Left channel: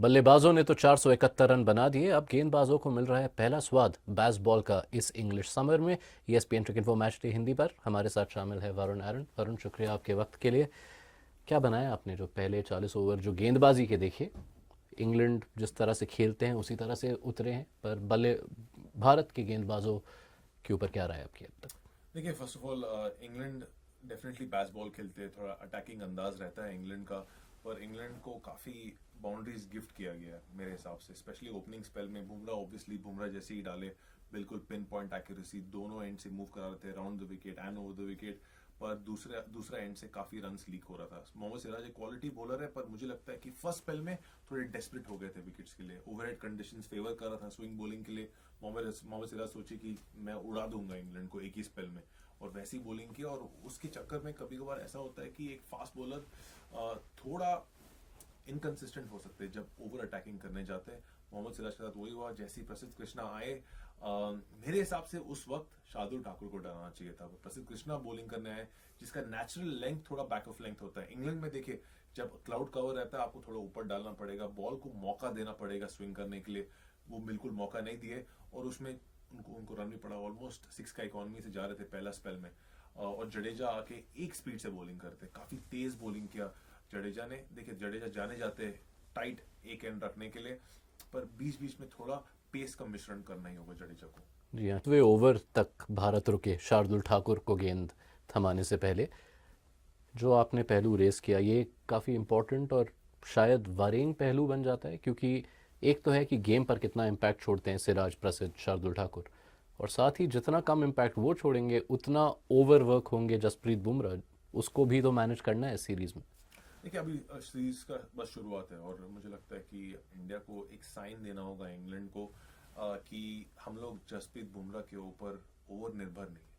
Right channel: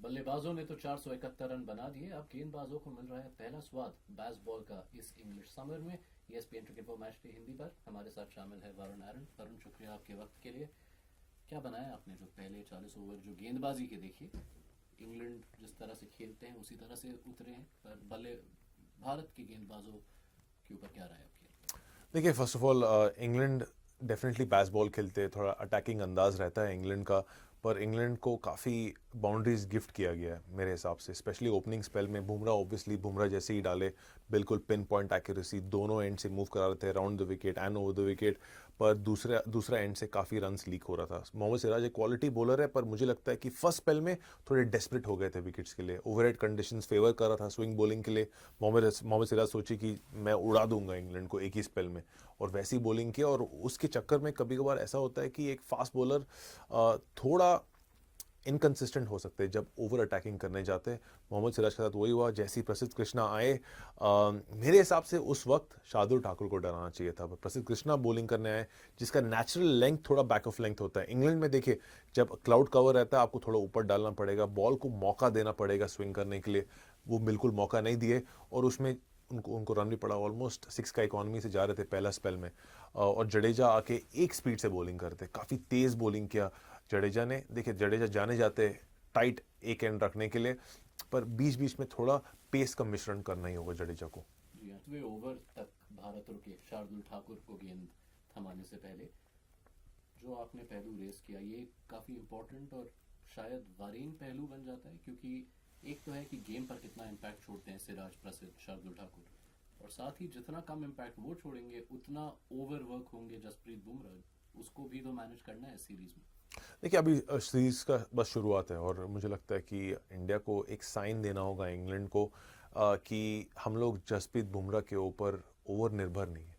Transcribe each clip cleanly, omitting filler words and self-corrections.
बल्लेबाजों ने तो 471 रन बना दिए। अब गेंदबाजों को मिल रहा है पहला स्वाद बेसबॉल का इस इंग्लिश समर में। ESPN cricket info match day Hindi पर हमारे साथ शामिल है वरुण एरन। वरुण, शुक्रिया आपके वक्त के लिए। क्या बनाया आपने जो पहले 40 ओवर जो गेंदबाजी के देखे, इंग्लैंड जिस तरह से खेलते हैं उसी तरह से उतरे हैं, पर बल्ले भारत के गेंदबाजों के ऊपर क्या राय आपकी अब तक? देखिए, first of all England definitely baseball खेलते हैं, थोड़ा अटैकिंग अंदाज रहता है इंग्लैंड का। पर इंग्लैंड को काफ़ी बाउंड्रीज गिफ्ट किया गया है मेरे हिसाब से, स्पेशली ओपनिंग स्पेल में। बुमराह ऑब्वियसली, बुमराह जैसे ही डाले बिल्कुल पिन पॉइंट एक्यूरेसी, दोनों एंड से मूव करा रहे थे round the wicket and over the wicket. पर दूसरा दूसरा एंड से काफ़ी रन्स लीक हो रहा था। मोहम्मद सिराज एक क्वालिटी बॉलर है, पर मुझे लगता है कि फर्स्ट स्पेल में थोड़े डेस्परेट हो गए थे विकेट्स के लिए। ओवरहेड कंडीशंस फेवर कर रहा था स्विंग बॉलिंग के लिए। मोहम्मद सिराज सोची कि मैं उड़ा दूंगा इंग्लैंड को एक ही स्पेल में, और वैसी बॉलिंग की। और उसके चक्कर में कभी कभार ऐसा होता है कि एक फास्ट बॉलर थोड़ा इनकंसिस्टेंट हो सकते हैं जब ओवर अटैकिंग करने जाते हैं। मोहम्मद सिराज के साथ वही हुआ। जैसे ही प्रसिद्ध कृष्णा आए, मेरे हिसाब से उस वक्त शार्दुल ठाकुर को डराना चाहिए था। प्रसिद्ध कृष्णा बॉलिंग करने आए, जिसका नेचुरल लेंथ थोड़ा बैक ऑफ लेंथ होता है। इंग्लैंड में देखिए, जब क्लाउड कवर रहता है आपको थोड़ा ऊपर डालना पड़ेगा, बॉल को मौका देना पड़ेगा स्विंग करने के लिए। वो बिल्कुल मौका नहीं दिए, और उसमें उनको उनको रन भी पड़ा। ऑलमोस्ट 6 का इकॉनमी से जा रहे थे पहला स्पेल में। और जडेजा आके एक स्पीड से बॉलिंग करते, काफ़ी तेज़ बॉलिंग किया जडेजा ने। देखिए, जडेजा जाने जाते टाइट एक एंड रखने के लिए, पर बीच बीच में थोड़ा पेस का मिश्रण करना ही होगा जडेजा को। जी हाँ, 8वें ओवर तक भारत रुके शार्दुल ठाकुर को गेंद थमाने से पहले। जो आपने पहलू रेस किया, ये काफ़ी इम्पोर्टेंट और शायद वरिंग पहलू बन जाता है, क्योंकि एक तो है कि गेम पर कितना इम्पैक्ट छोड़ते हैं सिराज, प्रसिद्ध, शार्दुल ठाकुर, और साथ ही जितना कम इम्पैक्ट वो छोड़ेंगे उतना ओवर वर्क होंगे जसप्रीत बुमराह। उसको भी तो मैनेज करना है सीरीज़ में। देखिए, अभी सीरीज का बस शुरुआत है, और मुझे लगता है कि इंडिया को एक साइन देना होगा इंग्लैंड को, कि हम लोग जसप्रीत बुमराह के ऊपर ओवर निर्भर नहीं है।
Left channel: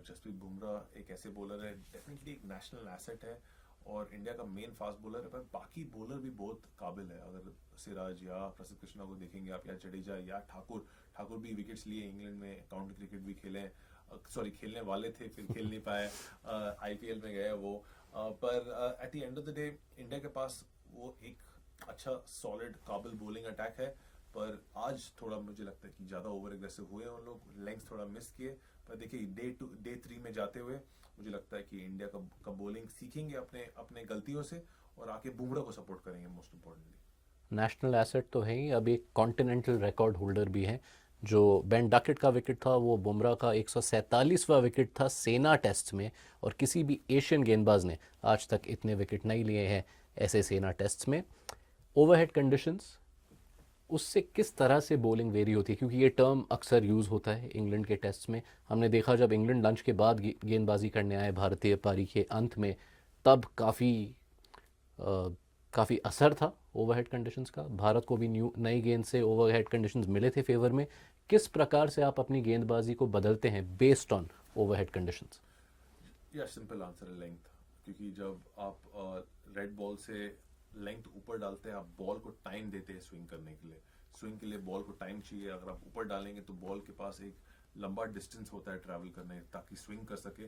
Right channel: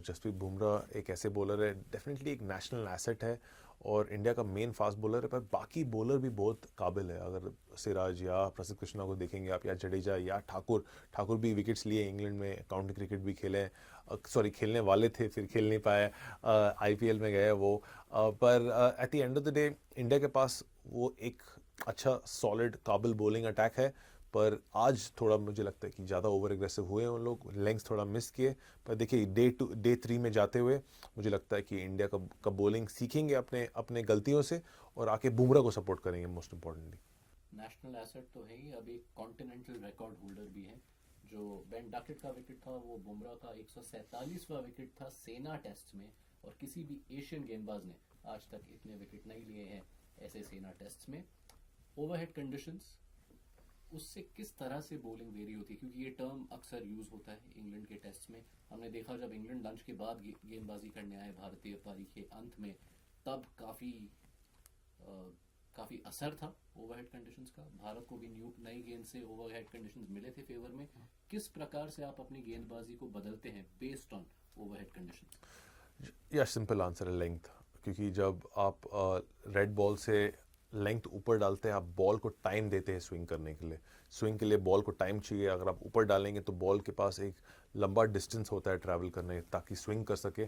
जसप्रीत बुमराह एक ऐसे बॉलर है, डेफिनेटली एक नेशनल एसेट है, और इंडिया का मेन फास्ट बॉलर है। पर बाकी बॉलर भी बहुत काबिल है। अगर सिराज या प्रसिद्ध कृष्णा को देखेंगे आप, या जडेजा या ठाकुर, ठाकुर भी विकेट्स लिए इंग्लैंड में, काउंटी क्रिकेट भी खेले हैं। सॉरी, खेलने वाले थे, फिर खेल नहीं पाए, IPL में गए वो। पर at the end of the day India के पास वो एक अच्छा सॉलिड काबिल बॉलिंग अटैक है। पर आज थोड़ा मुझे लगता है कि ज़्यादा ओवर एग्रेसिव हुए उन लोग, लेंग्स थोड़ा मिस किए। पर देखिए, डे 3 में जाते हुए मुझे लगता है कि इंडिया का बॉलिंग सीखेंगे अपने अपने गलतियों से, और आके बुमराह को सपोर्ट करेंगे मोस्ट इंपॉर्टेंटली। नेशनल एसेट तो है ही, अब एक कॉन्टिनेंटल रिकॉर्ड होल्डर भी हैं। जो बेन डकेट का विकेट था वो बुमराह का 147वां विकेट था सेना टेस्ट में, और किसी भी एशियन गेंदबाज ने आज तक इतने विकेट नहीं लिए हैं ऐसे सेना टेस्ट में। ओवरहेड कंडीशंस, उससे किस तरह से बॉलिंग वेरी होती है, क्योंकि ये टर्म अक्सर यूज़ होता है इंग्लैंड के टेस्ट में। हमने देखा जब इंग्लैंड लंच के बाद गेंदबाजी करने आए भारतीय पारी के अंत में, तब काफ़ी असर था ओवरहेड कंडीशंस का। भारत को भी नई गेंद से ओवरहेड कंडीशंस मिले थे फेवर में। किस प्रकार से आप अपनी गेंदबाजी को बदलते हैं बेस्ड ऑन ओवरहेड कंडीशंस? या सिंपल आंसर है लेंथ। क्योंकि जब आप रेड बॉल से लेंथ ऊपर डालते हैं, आप बॉल को टाइम देते हैं स्विंग करने के लिए। स्विंग के लिए बॉल को टाइम चाहिए। अगर आप ऊपर डालेंगे तो बॉल के पास एक लंबा डिस्टेंस होता है ट्रैवल करने, ताकि स्विंग कर सके।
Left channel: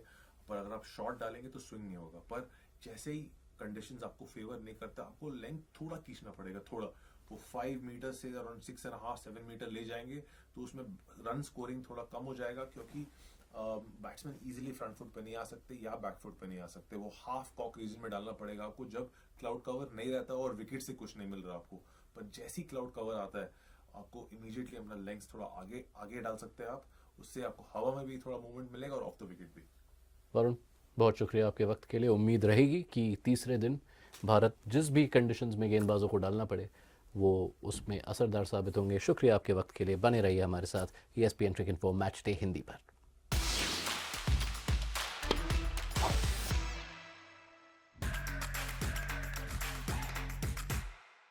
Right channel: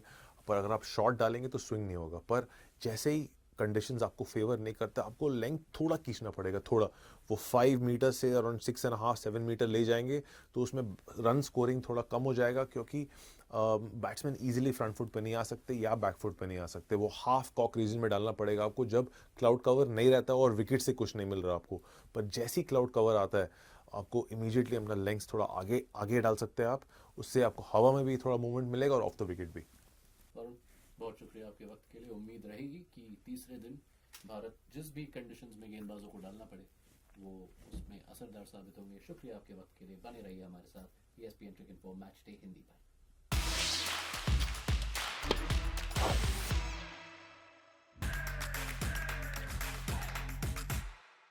पर अगर आप शॉर्ट डालेंगे तो स्विंग नहीं होगा। पर जैसे ही कंडीशंस आपको फेवर नहीं करते, आपको लेंथ थोड़ा खींचना पड़ेगा, थोड़ा। वो 5 मीटर से अराउंड 6.5-7 मीटर ले जाएंगे, तो उसमें रन स्कोरिंग थोड़ा कम हो जाएगा, क्योंकि बैट्समैन इजीली फ्रंट फुट पे नहीं आ सकते या बैक फुट पे नहीं आ सकते। वो हाफ कॉक रीजन में डालना पड़ेगा आपको, जब क्लाउड कवर नहीं रहता और विकेट से कुछ नहीं मिल रहा आपको। पर जैसे ही क्लाउड कवर आता है, आपको इमीडिएटली अपना लेंथ थोड़ा आगे आगे डाल सकते हैं आप। उससे आपको हवा में भी थोड़ा मूवमेंट मिलेगा, और ऑफ द विकेट भी। वरुण, बहुत शुक्रिया आपके वक्त के लिए। उम्मीद रहेगी कि तीसरे दिन भारत जिस भी कंडीशंस में गेंदबाजों को डालना पड़े वो उसमें असरदार साबित होंगे। शुक्रिया आपके वक्त के लिए। बने रहिए हमारे साथ ESPN cricket info match day Hindi पर।